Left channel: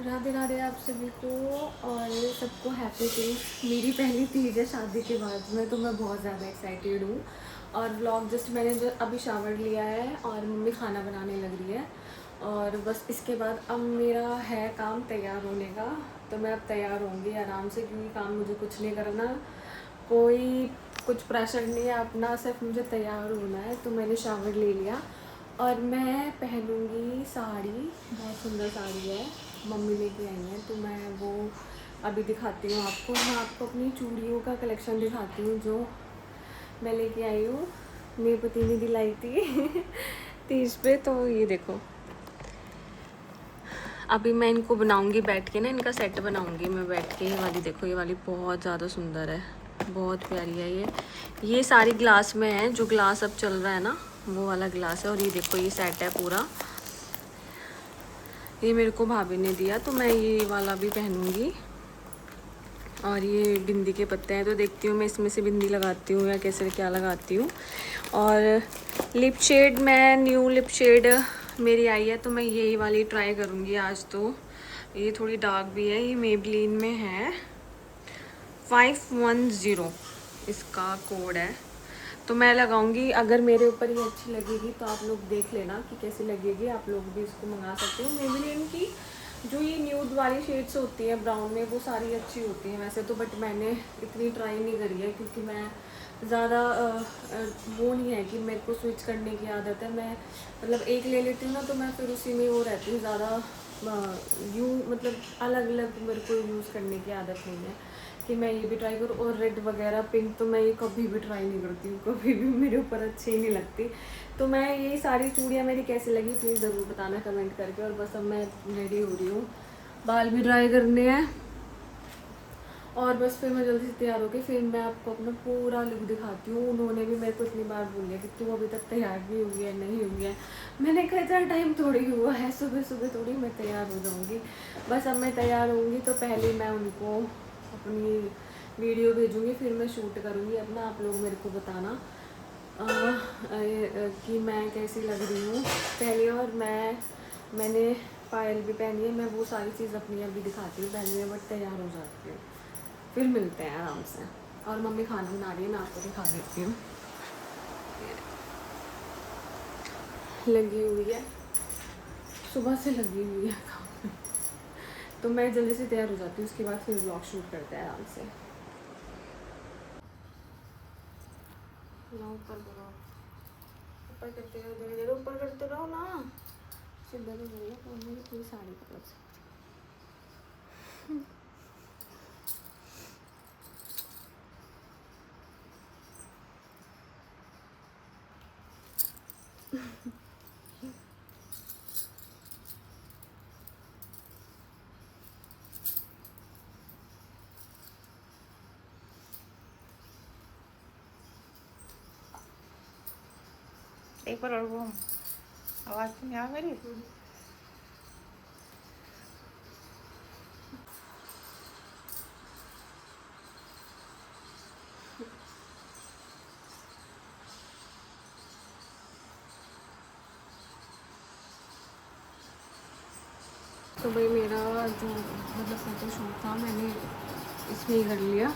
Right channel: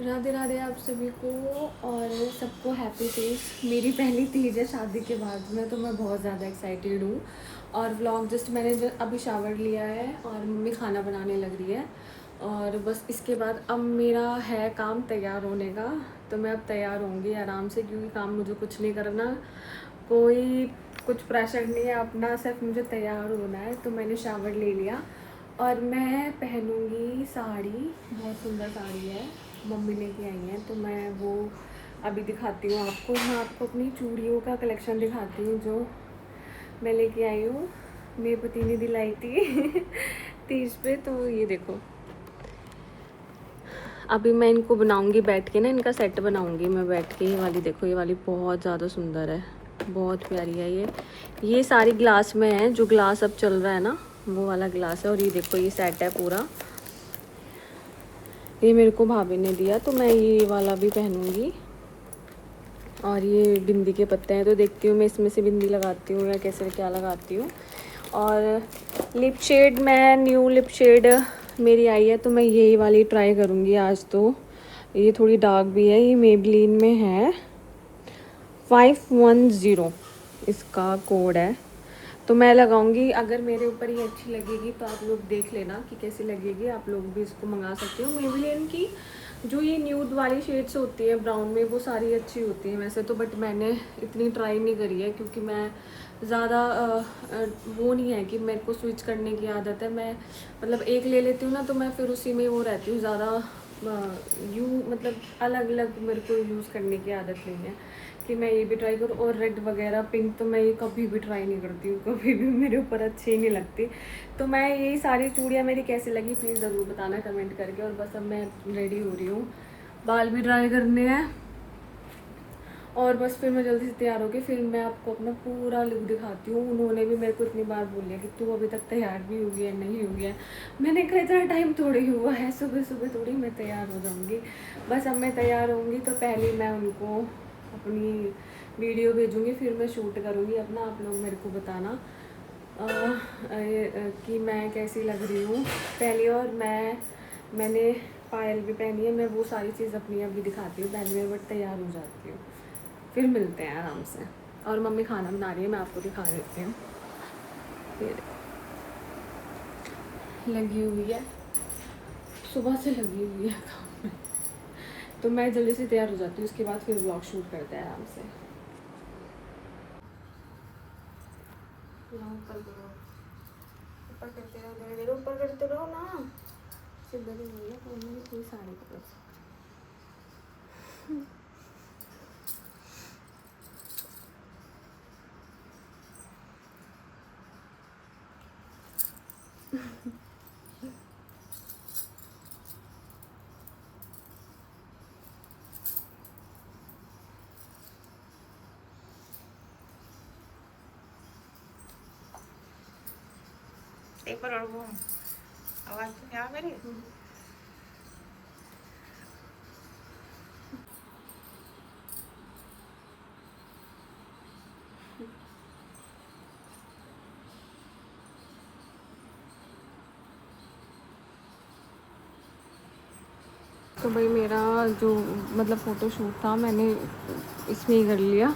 राधे राधे आप सभी को और सबको हैप्पी तीज। मेरी पहली तीज है शादी के बाद में, तो मैं बहुत ज़्यादा एक्साइटेड हूँ। और व्लॉग जस्ट मैंने जो अभी शावर लिया है और मम्मी खाना बनाने लग रही है, और बस इसके बाद अब मेरा है काम तैयार होने का। तो मैं अब तैयार होंगी आराम से, क्योंकि काम मुझे कुछ नहीं करना, कोई कुछ प्रेशर नहीं है अपना, सिर्फ मुझे तैयार होना है। तो मैंने शावर ले लिया और मैं पहनूंगी साड़ी, बहुत सुंदर साड़ी है, मम्मी लेके आई हैं। तो मैं वो अभी दिखाती हूँ आपको। मैं आपको अपनी चूड़ियों का कलेक्शन दिखाती हूँ जो मैं लेके आई हूँ, मेरे पति ने दिलाई थी तीज पे। तो ये देखो, अभी मैं इनको बनाऊंगी बैठ के ना, इनका सेट बनाऊंगी मैं बैठ के। ये वाली देखो, ये वाली बहुत ज़्यादा सुंदर है, बहुत प्यारी है ये सारी ग्लास में है, जो ग्लास अब चल रहा है ना वो वाला ग्लास है। और ये देखो, ये सेट है पूरा, ये मेरे को भाभी ने दिया, तो मैं ये वाला भी पहनूंगी। और ये बिंदी के पत्ते हैं, तो देखती हूँ मैं इसमें से बिंदी लगाती हूँ या कैसे क्या लगाती हूँ। और लिप शेड, मैं न्यू लिप शेड मेरी आई है, तो मैं यही वाली ट्राई करूँगी आज। तो ये थोड़ी डार्क भी है, ये मेबलिन में है, 510 इसका कोड है। तो मैं लगाऊंगी, अगर मेरे ऊपर ये अच्छी लगेगी तो आप लोग देख लेना कि कैसी लगेगी, आप लोग भी इसको मंगा सकते हो। मेबेलिन की जो ये न्यूड वाली शेड्स होती है ब्राउन में, वो सारी अच्छी होती हैं वैसे तो, बट मैंने इतनी ट्राई नहीं करी है, क्योंकि मैं ज़्यादा वो नहीं है कि मेरे को स्विच करने की आदत है। मैं मतलब एक ले लेती हूँ ना, तो मैं फिर उसी में वो रहती हूँ ज़्यादा, मतलब अलग अलग मेरे को यूज़ करने की आदत नहीं है कि मैं ये भी ट्राई करूँ। और रेड वगैरह पिंक तो मैं ये कभी भी ट्राई नहीं करती हूँ, कभी भी मेरे ऊपर अच्छी ही नहीं लगती। तो मैं यही सारी चूड़ियाँ मेरी कैसी लगी प्लीज़ ज़रूर बताना कमेंट करके। और बस अब मैं रेडी हो रही हूँ, बाल भी ड्राई करने हैं, और बस फिर मैं जल्दी से तैयार होकर फिर मैं आपको अपना पूरा लुक दिखाती हूँ। उन्होंने भी मेरे को इतनी बार बोल लिया कि तू अभी तक तैयार नहीं हुई है, नहीं हुई है। मैंने कहा इतना टाइम थोड़ी हुआ है, सुबह सुबह थोड़ी मैं तैयार हो जाऊँगी। बस अब मैं तैयार होंगी तो पहले मैं उनको अपनी वीडियो भेजूँगी, फिर मैं शूट करूँगी अपना, आप लोग मेरे को बताना कि मैं कैसी लग रही हूँ पहले। और मैंने पायल भी पहनी है, मैं वो सारी चीज़ अपनी अभी दिखाती हूँ पहले मैं बट तैयार हो जाती हूँ, फिर मिलते हैं आराम से। और मम्मी खाना बना रही है, मैं आपको दिखा देती हूँ। लगी हुई है, सुबह से लगी हुई है काम में। तो मैं जल्दी से तैयार हो जाती हूँ, उसके बाद फिर व्लॉग शूट करते हैं आराम से। ऊपर करो, ऊपर करते रहो, धीरे धीरे ऊपर करते रहो ना, सीधा भी बोलो तो उन्होंने कोई साड़ी पकड़ सकती। एक बार और वो आवाज तो नहीं आ मेरी। तो भाई मेरा जो मतलब फ़ोटो शूट था मैंने इसमें ही कर लिया,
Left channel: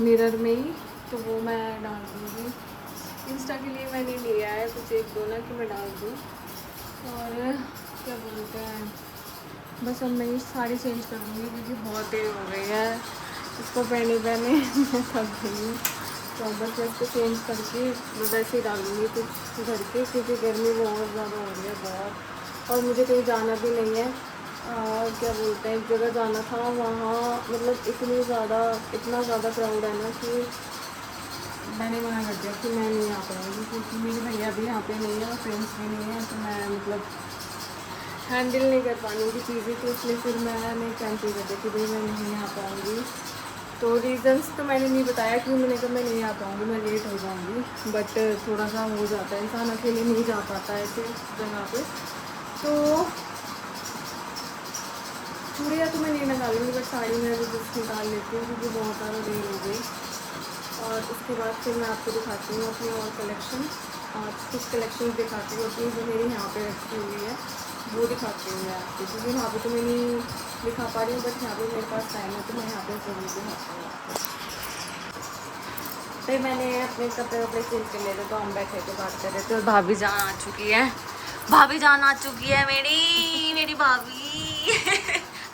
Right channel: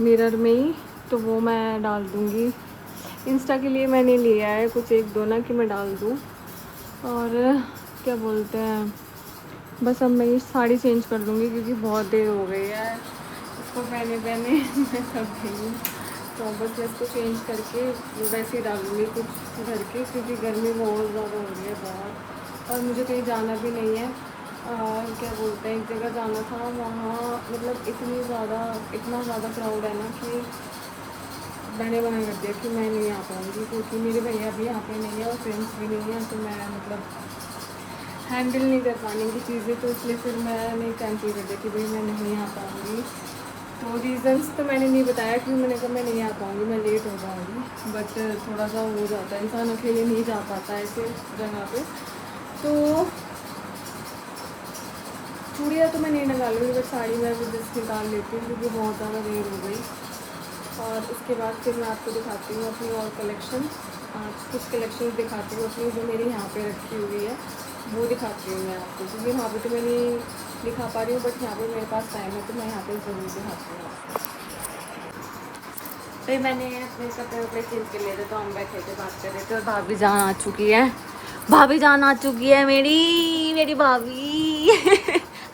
मिरर में ही। तो वो मैं डाल दूँगी इंस्टा के लिए, मैंने लिया है कुछ एक दो ना कि मैं डाल दूँ। और क्या बोलते हैं, बस अब मैं ये साड़ी चेंज कर दूँगी, क्योंकि बहुत देर हो गई है इसको पहने पहने मैं थक गई हूँ। तो बस मैं इसको चेंज करके वैसे ही डालूँगी कुछ घर के, क्योंकि गर्मी बहुत ज़्यादा हो रही है बहुत, और मुझे कहीं जाना भी नहीं है। क्या बोलते हैं, एक जगह जाना था, वहाँ मतलब इतना ज़्यादा क्राउड है ना कि मैंने मना कर दिया कि मैं नहीं आ पाऊँगी, क्योंकि मेरे भैया भी यहाँ पे नहीं है और फ्रेंड्स भी नहीं है, तो मैं मतलब हैंडल नहीं कर पाऊँगी चीज़ें। तो इसलिए फिर मैंने कैंसिल कर दिया कि भाई मैं नहीं आ पाऊँगी। तो रीज़न्स तो मैंने नहीं बताया, क्योंकि मैंने कहा मैं नहीं आ पाऊँगी, मैं लेट हो जाऊँगी। बट थोड़ा सा हो जाता है, इंसान अकेले नहीं जा पाता है ऐसे जगह पे। तो चूड़ियाँ तो मैं नहीं निकालूँगी, बट साड़ी मैं भी जस्ट निकाल लेती हूँ, क्योंकि बहुत ज़्यादा देर हो गई। और उसके बाद फिर मैं आपको दिखाती हूँ अपनी और कलेक्शन, आज कुछ कलेक्शन दिखाती हूँ अपनी जो मेरी यहाँ पे रखी हुई है, वो दिखाती हूँ मैं आपको, क्योंकि वहाँ पे तो मैंने दिखा पा रही हूँ, बट यहाँ पे मेरे पास टाइम है तो मैं यहाँ पे ज़रूर दिखाती हूँ आपको। फिर मैंने अपने कपड़े चेंज कर लिए थे तो हम बैठे थे बात कर रहे थे और भाभी जान आ चुकी है। भाभी जान आ चुकी है मेरी भाभी।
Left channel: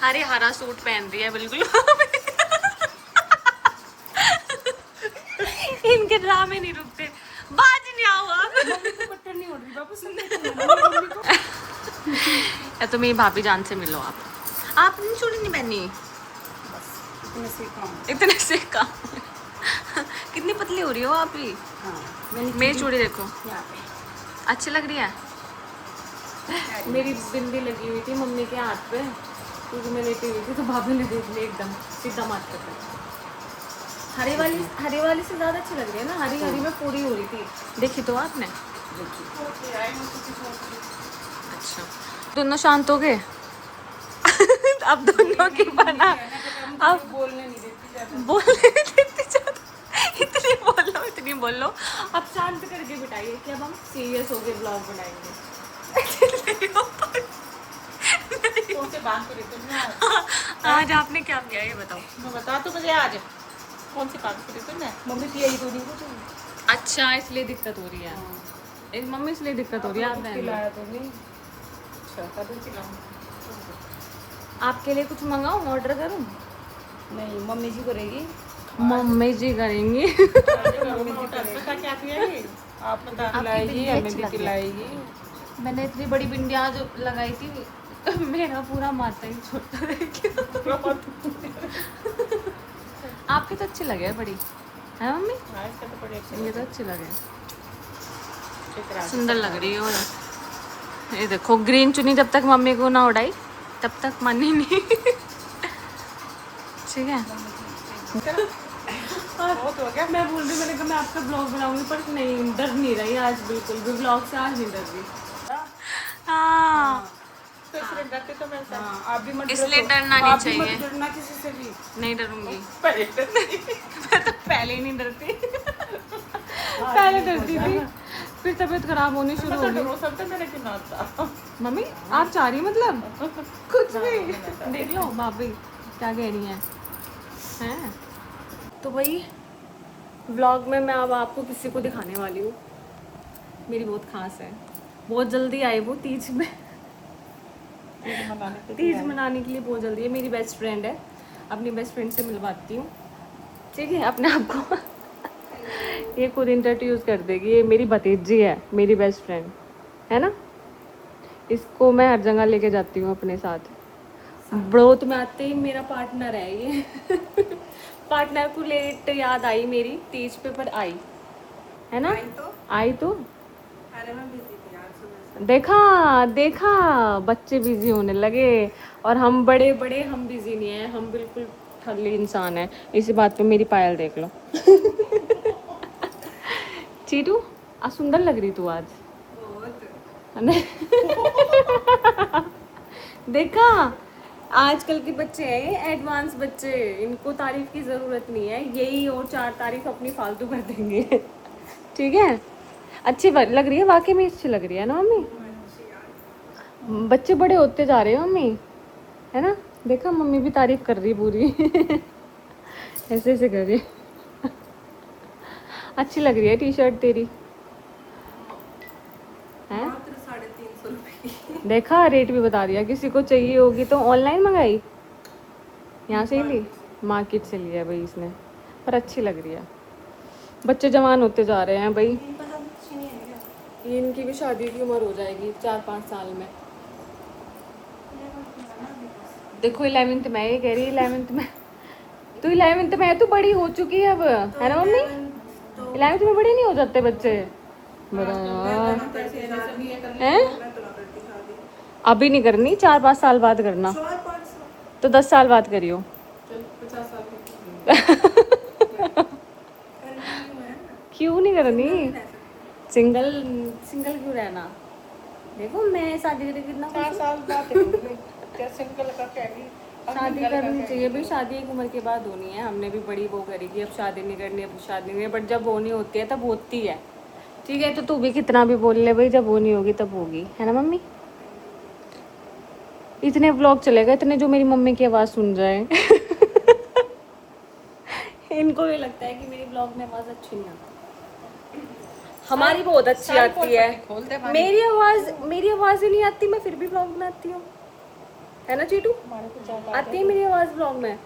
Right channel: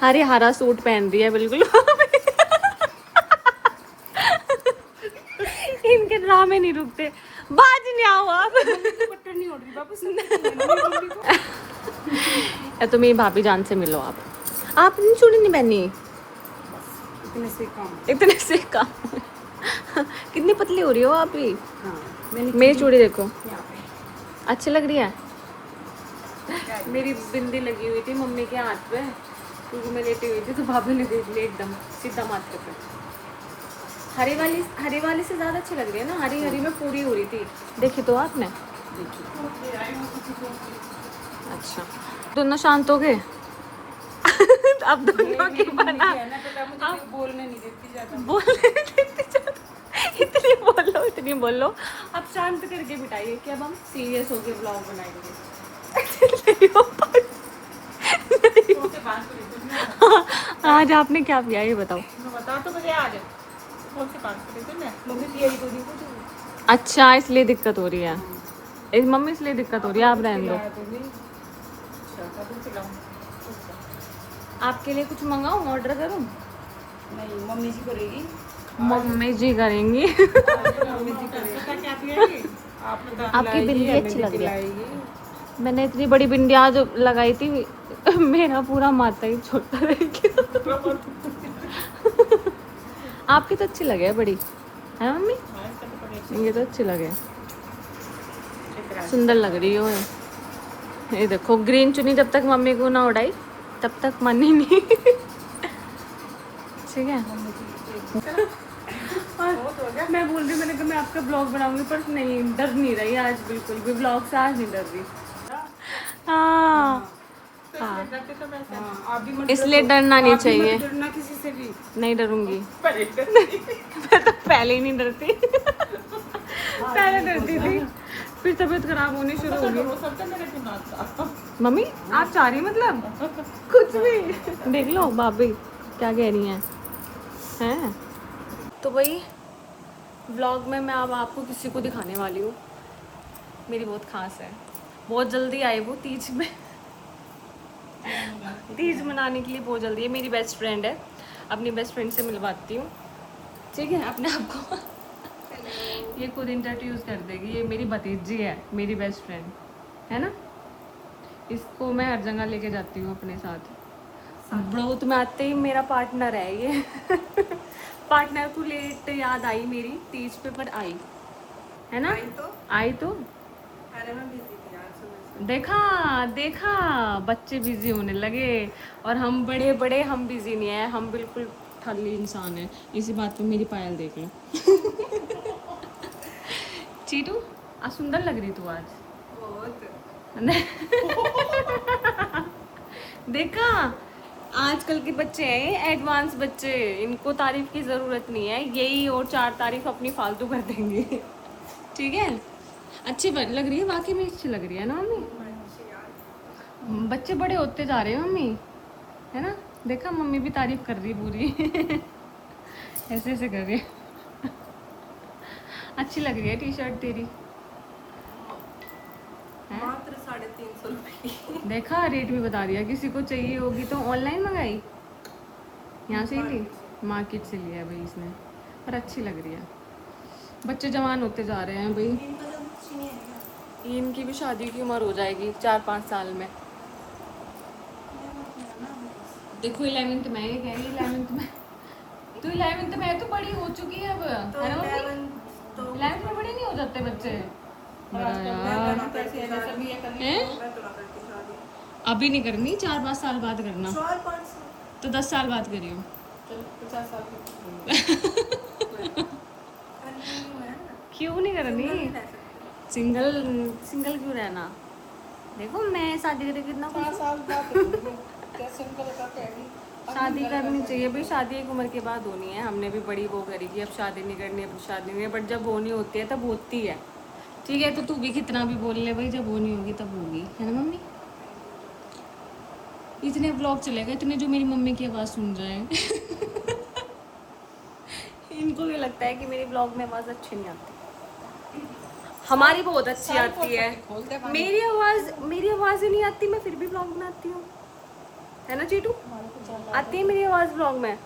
हरे हरा सूट पहन रही है बिल्कुल। इनके ड्रामे नहीं रुकते। बाज नहीं आओ आप। नहीं हो रही वापस। तो मेरी भाभी जान से मिलो आप। नहीं चूड़ी नहीं पहनी। इतने से काम। कितनी पतली हो रही हो आप भी। मेरी चूड़ी देखो, अच्छी लग रही है। मेरी बिंदी लगी हुई थी मम्मी के हाथ पे क्योंकि मैं लेटी हुई थी, तो भाभी ने देख लिया एकदम सीधा माथे पे। हरी वाली से ज्यादा अच्छी लग रही है ना। हरी में पूरी हो रही थी। देखी तो आपने। अच्छा, दोनों शांत हो गए। अब दोनों की बना। अब बोलने नहीं देती ज्यादा। इतनी बोल लो। अब शांत करके बिठाइए कि अब हम सीरियस होके व्लॉग बनाएंगे। आज आपने क्या किया ये बताओ। बता तो मुझे आज कौन सी काम करी तुमने? मम्मी की यही तो नहीं कुछ। अच्छा, इसलिए दिक्कत हो रही है। इस मम्मी इसलिए दिक्कत हो रही है। आप रहने दो। आपके लिए कुछ मंगाऊं, ऑर्डर करूं? नहीं, मम्मी जी करेगी। मम्मी जी करेंगी। आपकी बिंदी अच्छी लग रही है। मैंने इतनी बड़ी बिंदी आज लगाई थी, मेरा पूरा माथा ही छोटा रह गया। आपकी तो अच्छी लगे बड़ी है मम्मी। ये तो अच्छी लगे, सुंदर लग रही हो। ये देखो ग्रीन चुन्नी जब तक मम्मी को ना उड़ाई तब तक मन ही नहीं। ठीक है। और मैं बोल रही, मैंने कहा मैं आपका ब्लॉग बनाऊंगी, पर नहीं, डर नहीं रही आज बिल्कुल भी। ब्लॉग से आज नहीं डर रही। हाँ, इसलिए डरना नहीं चाहिए। डरना किसी से भी नहीं डरूंगी। मैं तो पहले ही नहीं डरती। पहले डरती थी, फिर तबीयत खराब होनी शुरू हो गई। मम्मी आप चाह रही मतलब कुछ भी। देख लो भाभी क्या कह रही हैं। तो भाई व्लॉग में मैं अब आपको किसी को दिखाने वाली हूँ। मेरी बहुत खास है। बहुत जल्दी आए वो तीज में। तीज मनाने के लिए बहुत जल्दी है। मेरी बेस्ट फ्रेंड है। अपनी बेस्ट फ्रेंड से मिलवाती हूँ, ठीक है। अपने आप को ये खुद इंट्रोड्यूस कर देगी। ये मेरी भतीजी है, मेरी बेस्ट फ्रेंड है ना। इसको मैं हर जगह लेके जाती हूँ अपने साथ। ब्रोथ में आते ही मेरा पार्टनर है ये। पार्टनर को लेट याद आई मेरी तीज पे, पर आई है ना। आई तो अरे मैं बिजी थी यार सुबह। देखा बच्चे बिजी होने लगे और हम बड़े हम बिजी नहीं है। हम बिल्कुल ठल्ली इंसान है। इसी बात पे मेरी पायल देख लो। चीटू आज सुंदर लग रही तू आज बहुत। देखा, आजकल के बच्चे हैं एडवांस बच्चे, इनको तारीफ की ज़रूरत नहीं है। यही और 4 तारीफ अपनी फालतू कर देंगे। ठीक है। अच्छी लग रही है, वाकई में अच्छी लग रही है ना मम्मी। बच्चे बड़े होते जा रहे हैं मम्मी, है ना। देखा मम्मी भी तारीफ कर रही पूरी। ऐसे कर रही। अच्छी लग रही है टी शर्ट तेरी है। मात्र 350 रुपए की। देखा रेट भी बता दिया। किसी को चाहिए होगी तो ऑनलाइन मंगाई, यहाँ से ही ली, मार्केट से लिया है भाई इसने, पर अच्छी लग रही है। बच्चे जवान होते जा रहे हैं भाई। ये इनकी भी शादी की उम्र हो जाएगी 4-5 साल में। देखो 11th में, ये कह रही 11th में। तो 11th में तो बड़ी हो चुकी है अब, है ना मम्मी। 11th में बड़े नहीं हो जाते बच्चे। बड़ा यार हैं। अभी नहीं करनी, 4-5 साल बाद करना। तो 10 साल बाद करियो। 50 साल की। क्यों नहीं करनी। सिंगल क्यों रहना। देखो मैं शादी करके कितना खुश हूँ। शादी करनी चाहिए भाई। शादी एक उम्र के बाद होनी है। हमने भी बड़ी वो करी कि अब शादी नहीं करनी, अब शादी नहीं है, बट जब होनी होती है तब होती है। ठीक है। तो तू भी कितना भी बोल ले भाई, जब होनी होगी तब होगी, है ना मम्मी। इतने व्लॉग चलेगा, इतने जो मेरी मम्मी की आवाज़ सुन जाए। इनको ये लगता है कि मेरी व्लॉग में आवाज़ अच्छी नहीं आती। हमारी बहुत अच्छी आती है। मेरी आवाज़ ही नहीं आती, मैं फिर भी व्लॉग बनाती हूँ, है ना चीटू? आती है मेरी आवाज़ व्लॉग में।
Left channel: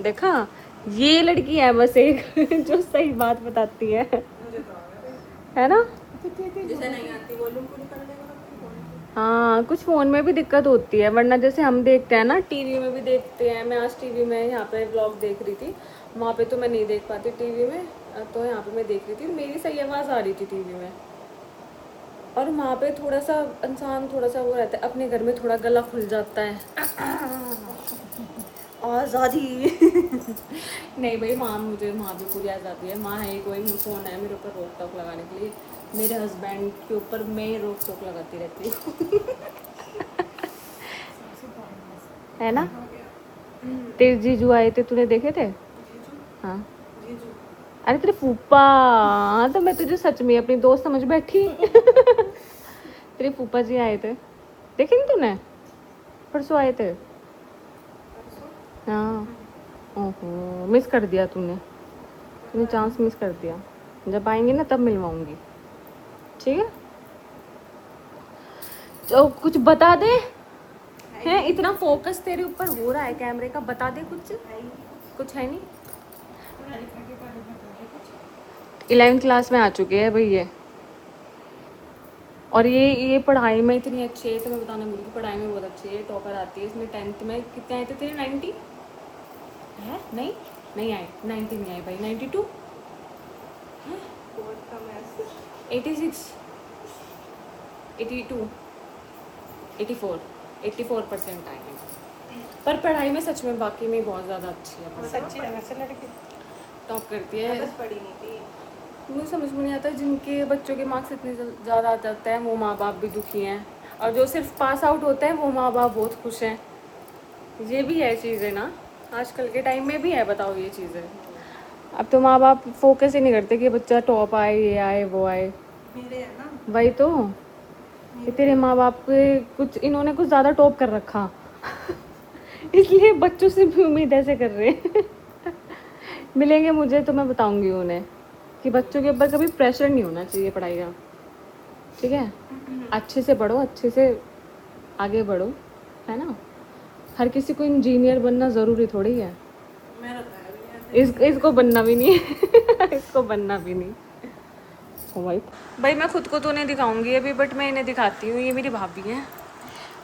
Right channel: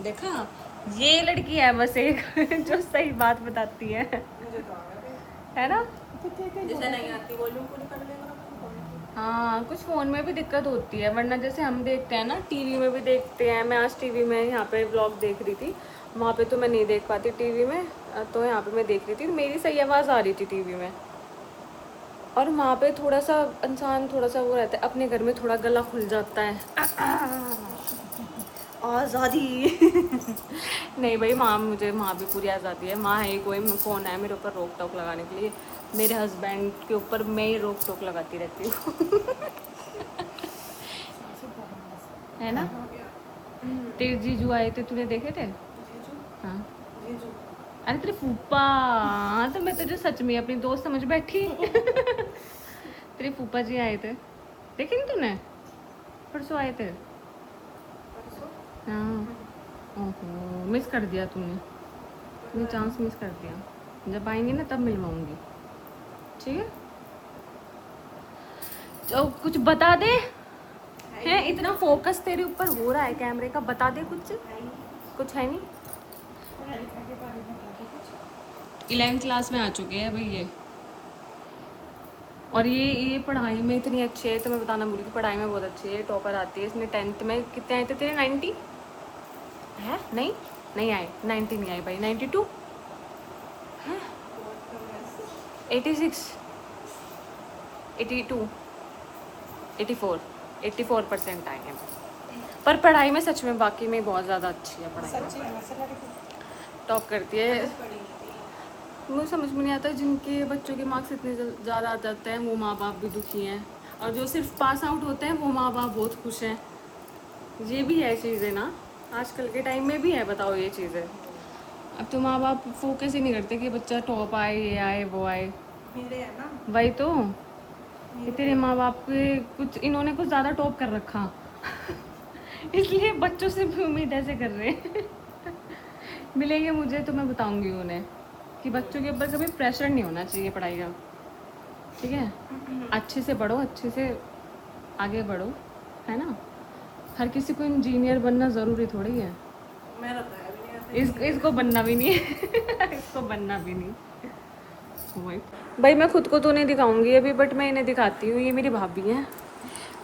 देखा, ये लड़की है बस एक जो सही बात बताती है ना? जिसे नहीं आती वॉल्यूम पूरी कर देगा। हाँ, कुछ फ़ोन में भी दिक्कत होती है, वरना जैसे हम देखते हैं ना, टीवी में भी देखते हैं। मैं आज टीवी में यहाँ पे व्लॉग देख रही थी, वहाँ पे तो मैं नहीं देख पाती टीवी में, तो यहाँ पे मैं देख रही थी, मेरी सही आवाज़ आ रही थी टीवी में। और वहाँ पे थोड़ा सा इंसान थोड़ा सा वो रहता है, अपने घर में थोड़ा गला खुल जाता है, आज़ादी। नहीं भाई, माँ मुझे वहाँ भी पूरी आज़ादी है। माँ है, कोई फ़ोन है मेरे ऊपर रोक टोक लगाने के लिए, मेरे हस्बैंड के ऊपर मैं ही रोक टोक लगाती रहती हूँ। है ना? तेरे जीजू आए थे, तूने देखे थे? हाँ। अरे तेरे फूफा, हाँ तो मैं तुझे सच में अपनी दोस्त समझ बैठी। तेरे फूफा जी आए थे, देखे नहीं तूने? परसों आए थे। हाँ। ओहो, मिस कर दिया तूने चांस मिस कर दिया। जब आएंगे ना तब मिलवाऊंगी, ठीक है? तो कुछ बता दे, है इतना फोकस तेरे ऊपर हो रहा है कैमरे का, बता दे कुछ है नहीं। 11th क्लास में आ चुके हैं भाई ये, और ये पढ़ाई में इतनी अच्छी है, तो मैं बताना भूल गई, पढ़ाई में बहुत अच्छी है, टॉपर आती है। इसमें 10th में कितने आए थे तेरे? 90 है? नहीं आए, 90 नहीं आए भाई, 92 है, 86 82 84% आए हैं। पर पढ़ाई में सच में बाकी में बहुत ज़्यादा अच्छी है, पढ़ाई टॉप करती है। मुझे समझ में नहीं आता, जिनके बच्चों के मार्क्स इतने ज़्यादा आ जाते हैं वो माँ बाप भी दुखी हैं, और जो सिर्फ पास आउट होते हैं वो माँ बाप बहुत खुश हैं। ये भी है चीज़ें ना, आजकल के टाइम में भी है, बताओ ये चीज़ें। अब तो माँ बाप फोकस ही नहीं करते कि बच्चा टॉप आए, ये आए वो आए। मेरे है ना, वही तो, ये तेरे माँ बाप के कुछ इन्होंने कुछ ज़्यादा टॉप कर रखा। इसलिए बच्चों से भी उम्मीद ऐसे कर रहे हैं। मिलेंगे मुझे तो मैं बताऊंगी उन्हें कि बच्चों के ऊपर कभी प्रेशर नहीं होना चाहिए पढ़ाई का, ठीक है? अच्छे से पढ़ो, अच्छे से आगे बढ़ो, है ना? हर किसी को इंजीनियर बनना ज़रूरी थोड़ी है। मेरा तो है भी इसको बनना भी नहीं है। इसको बनना भी नहीं। भाई मैं खुद को तो नहीं दिखाऊंगी अभी, बट मैं इन्हें दिखाती हूँ। ये मेरी भाभी है,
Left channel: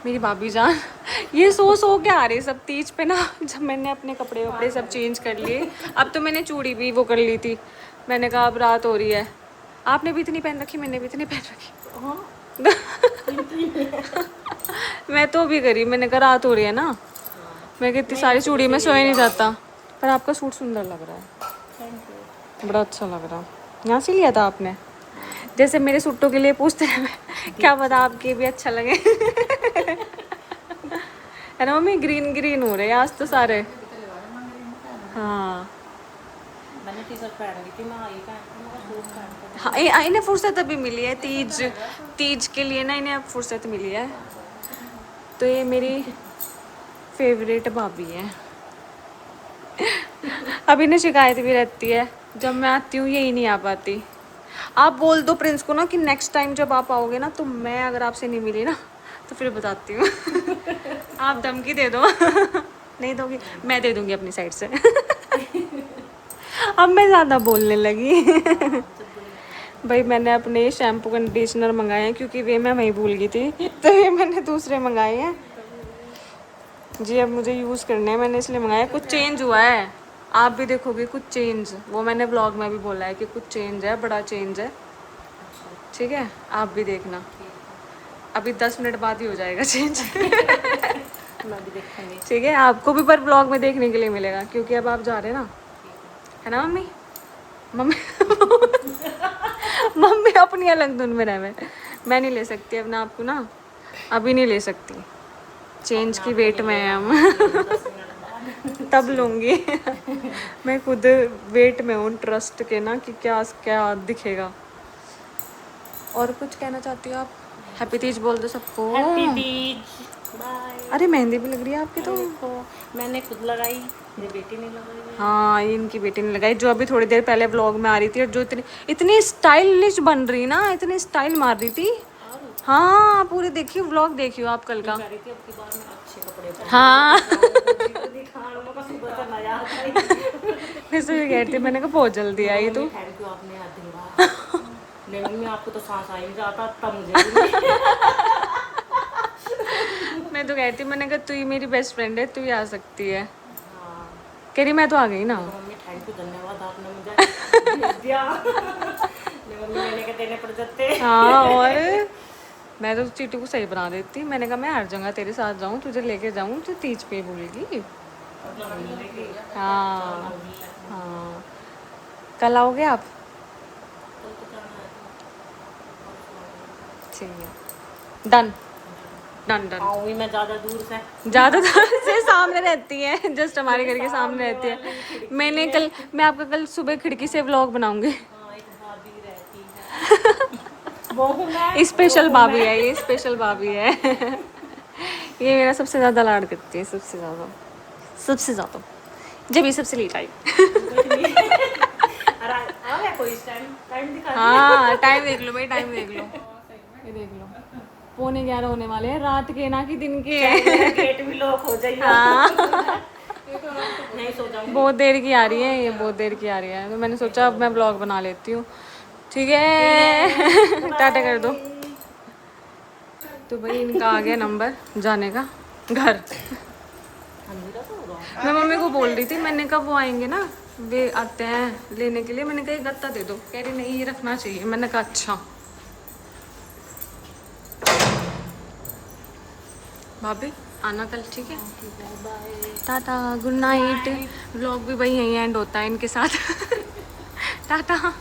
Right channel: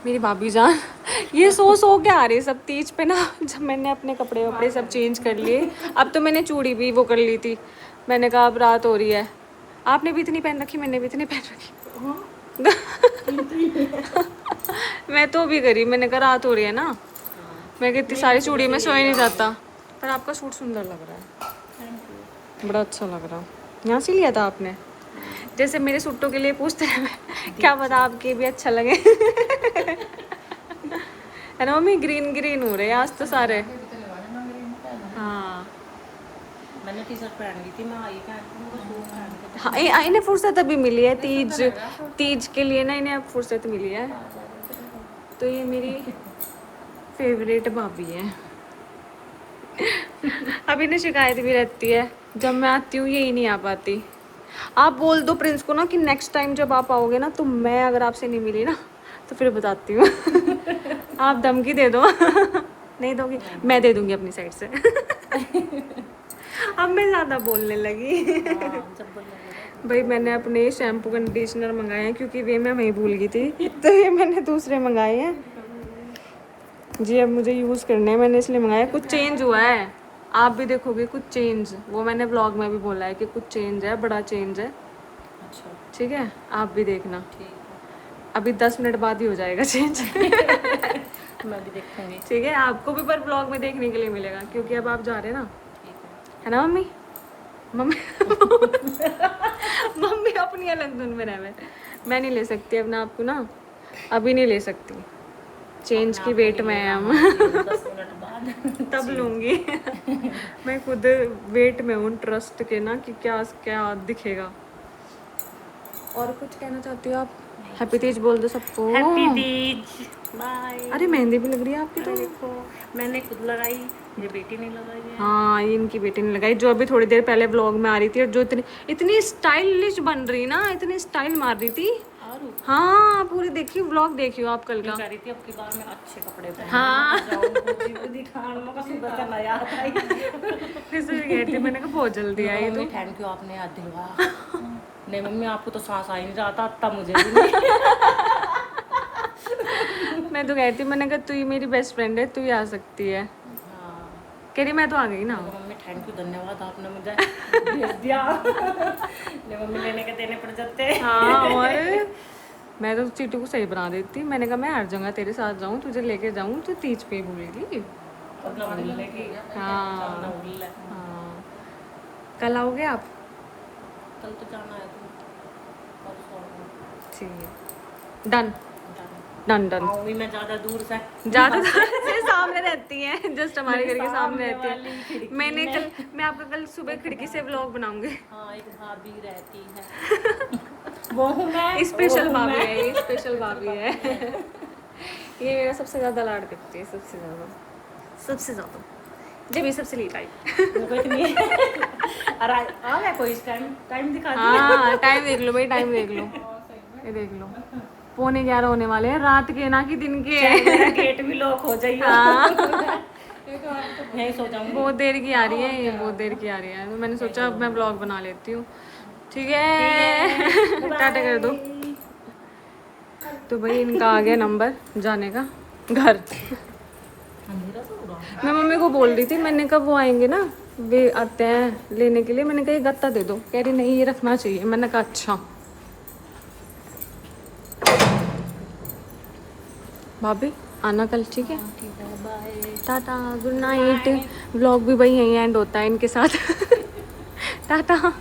मेरी भाभी जान। ये सो के आ रहे सब तीज पे ना, जब मैंने अपने कपड़े वपड़े सब चेंज कर लिए। अब तो मैंने चूड़ी भी वो कर ली थी, मैंने कहा अब रात हो रही है। आपने भी इतनी पहन रखी, मैंने भी इतनी पहन रखी। मैं तो भी करी, मैंने कहा रात हो रही है ना, मैं इतनी सारी चूड़ी में सोया नहीं जाता। पर आपका सूट सुंदर लग रहा है, बड़ा अच्छा लग रहा है। यहाँ से लिया था आपने? जैसे मेरे सूटों के लिए पूछते रहे, क्या पता आपके भी अच्छा लगे। है ना मम्मी? ग्रीन ग्रीन हो रहे हैं आज तो सारे। हाँ मैंने टी शर्ट पहन ली थी, मैं आई पहन सूट पहन के। हाँ, इन्हें फुर्सत अभी मिली है तीज के लिए ना, इन्हें अब फुर्सत मिली है। तो ये मेरी फेवरेट भाभी है। अब इन्हें शिकायत भी रहती है, जब मैं आती हूँ यही नहीं आ पाती। आप बोल दो प्रिंस को ना कि नेक्स्ट टाइम जब आप आओगे ना, तो मैं अगर आपसे नहीं मिली ना तो फिर बताती हूँ। आप धमकी दे दो। नहीं दोगी? मैं दे दूंगी अपनी साइड से। अब मैं ज़्यादा बोलने लगी। भाई मैंने अपने शैम्पू कंडीशनर मंगाए हैं, क्योंकि वे मैं वहीं भूल गई थी, तो ये मैंने दूसरे मंगाए हैं जी। अब मुझे यूज़ करने हैं, मैंने इसलिए मंगाया। कुछ चेंज हुआ है, आप भी देखोगे कुछ चेंज। वो मैंने व्लॉग में भी बोला है कि कुछ चेंज है, बड़ा चेंज है, ठीक है? आप भी देखना, अभी 10 मिनट बाद ही हो जाएगा चेंज। मैं भी देखूंगी, ठीक है? आपको भी पर व्लॉग में देखने के लिए मिलेगा, क्योंकि अब आप जा रहे हैं ना, है ना मम्मी? मम्मी मम्मी अपनी अलग धुन में रहे। मैं नहीं ले सकती अपना आपको ना, अभी नहीं ले सकती, चेंज की वेट में है हम। 10 मिनट बाद तब लूँगी। मैं खुद वेट में हूँ ट्रस्ट के ना, कि क्या क्या दिखेगा। और कुछ कहना चाहती हो आप? हैप्पी तीज बोल दो सबको। Happy Teej, bye. अरे मेहंदी भी लग रही है आपकी तो। देखो मैंने खुद लगाई, मेरी बेटी ने लगाई है। हाँ, ये इनकी बेटी ने लगाई, जो अभी थोड़ी देर पहले व्लॉग में आ रही थी, और जो इतनी इतनी स्टाइलिश बन रही ना, इतनी स्टाइल मार रही थी। और हाँ, पूरी देखियो, व्लॉग देखियो आप कल का। कह रही थी अब की बार में अच्छे कपड़े पहन हाँ। दिखाने का सुबह से नया आता ही। फिर से कह रही थी, मैंने कहा बहुत जल्दी आई तू। थैंक यू, आपने याद दिलवाया। नहीं मम्मी, आपको तो सांस आ ही नहीं रहा था, तब मुझे भी नहीं। मैं तो कहती, मैंने कहा तू ही मेरी बेस्ट फ्रेंड है, तू ही आ सकती है। हाँ। कह रही मैं तो आ गई ना। तो मम्मी थैंक यू, धन्यवाद, आपने मुझे भेज दिया। नहीं मम्मी, लेने के देने पड़ जाते। हाँ, और मैं तो चीटू को सही बना देती। मैंने कहा मैं हर जगह तेरे साथ जाऊँ, तुझे लेके जाऊँ, तू तीज पे भूलेगी। अपना मिलने की। हाँ ना भूलना है। हाँ, कल आओगे आप? कल तो जाना है तो परसों आऊंगी। ठीक है, डन डन डन। आऊंगी मैं ज़्यादा दूर से। ज़्यादा से सामने रहती है, जस्ट हमारे घर के सामने रहती है। मैं आपका कल सुबह खिड़की से व्लॉग बनाऊंगी। हाँ, एक भाभी रहती है। वो हूँ मैं। स्पेशल भाभी है ये, स्पेशल भाभी है। ये मेरा सबसे ज़्यादा लाड करती है, सबसे ज़्यादा जब ये सबसे लेट आई। कुछ नहीं। अरे आ गया कोई इस टाइम दिखा दिया। हाँ, टाइम देख लो भाई, टाइम देख लो, ये देख लो, 11:45 होने वाले हैं, रात के ना कि दिन के हैं। गेट भी लॉक हो जाइए। हाँ, नहीं सो जाऊंगी। बहुत देर की आ रही है ये, बहुत देर की आ रही है, तो मैंने सोचा अब मैं ब्लॉग बना लेती हूँ। ठीक है, टाटा कर दो। तो भाई इनका आ गया नंबर जाने का घर। मैं मम्मी को बोल रही थी, मैंने कहा वो आएंगे ना, वे आते हैं लेने के लिए, मैंने कहा ये गत्ता दे दो, कह रही नहीं ये रखना चाहिए। मैंने कहा अच्छा। भाभी आना कल, ठीक है? Tata, good night. व्लॉग भी भाई यहीं एंड होता है इनके साथ। टाटा।